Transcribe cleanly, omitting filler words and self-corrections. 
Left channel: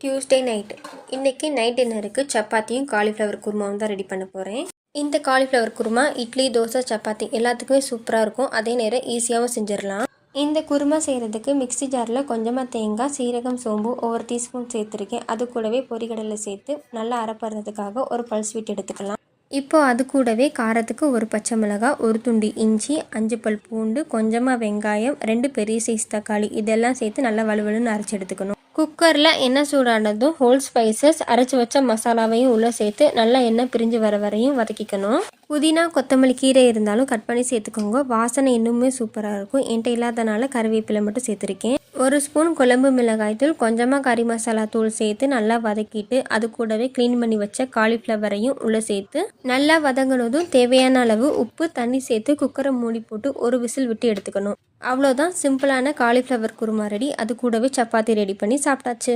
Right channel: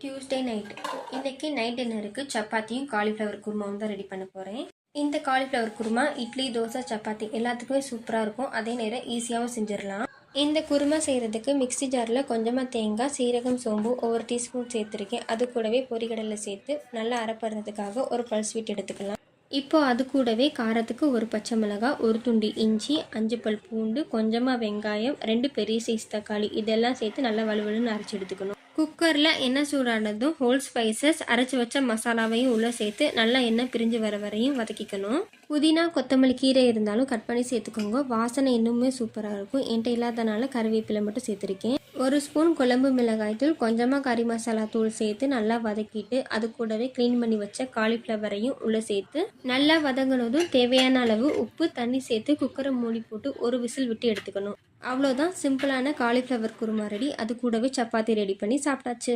Tuesday night. இன்றைக்கி night டின்னருக்கு சப்பாத்தியும் cauliflower குருமாவும் தான் ரெடி பண்ண போகிறேன். இந்த காலிஃப்ளவர் குருமா இட்லி, தோசை, சப்பாத்தி எல்லாத்துக்குமே சூப்பராக இருக்கும். அதே நேரம் ஈஸியாகவும் செஞ்சிடலாம். இந்த குருமா செய்கிறதுக்கு மிக்ஸி ஜாரில் கொஞ்சமாக தேங்காய், சீரகம், சோம்பு ஒவ்வொரு டீஸ்பூன் சேர்த்துருக்கேன். அது கூடவே பொரிகடலை சேர்த்து நல்லா அரைப்படுறதுக்காக ஒரு பல் ஸ்வீட் எடுத்துக்கலாம். இப்போ அது கூடவே காரத்துக்கு ஒரு பச்சை மிளகாய், ஒரு துண்டு இஞ்சி, 5 பல் பூண்டு, கொஞ்சமாக வெங்காயம், 2 பெரிய சைஸ் தக்காளி இதெல்லாம் சேர்த்து நல்லா வலுவலுன்னு அரைச்சி எடுத்துக்கணும். குக்கரில் எண்ணெய் சூடானதும் ஹோல் ஸ்பைசஸ் அரைச்சி வச்ச மசாலாவையும் உள்ளே சேர்த்து நல்லா எண்ணெய் பிரிஞ்சு வர வரையும் வதக்கிக்கணும். புதினா, கொத்தமல்லி கீரை இருந்தாலும் கட் பண்ணி சேர்த்துக்கோங்க. வாசனை இன்னுமே சூப்பராக இருக்கும். என்கிட்ட இல்லாதனால கருவேப்பிலை மட்டும் சேர்த்துருக்கேன். 1 ஸ்பூன் குழம்பு மிளகாய் தூள், கொஞ்சமாக கறி மசாலா தூள் சேர்த்து நல்லா வதக்கிட்டு அது கூடவே க்ளீன் பண்ணி வச்ச காலிஃப்ளவரையும் உள்ளே சேர்த்து நல்லா வதங்கினதும் தேவையான அளவு உப்பு, தண்ணி சேர்த்து குக்கரை மூடி போட்டு ஒரு விசில் விட்டு எடுத்துக்கணும். அவ்வளோதான், சிம்பிளான காலிஃப்ளவர் குருமா ரெடி. அது கூடவே சப்பாத்தி ரெடி பண்ணி சாப்பிட்டாச்சு.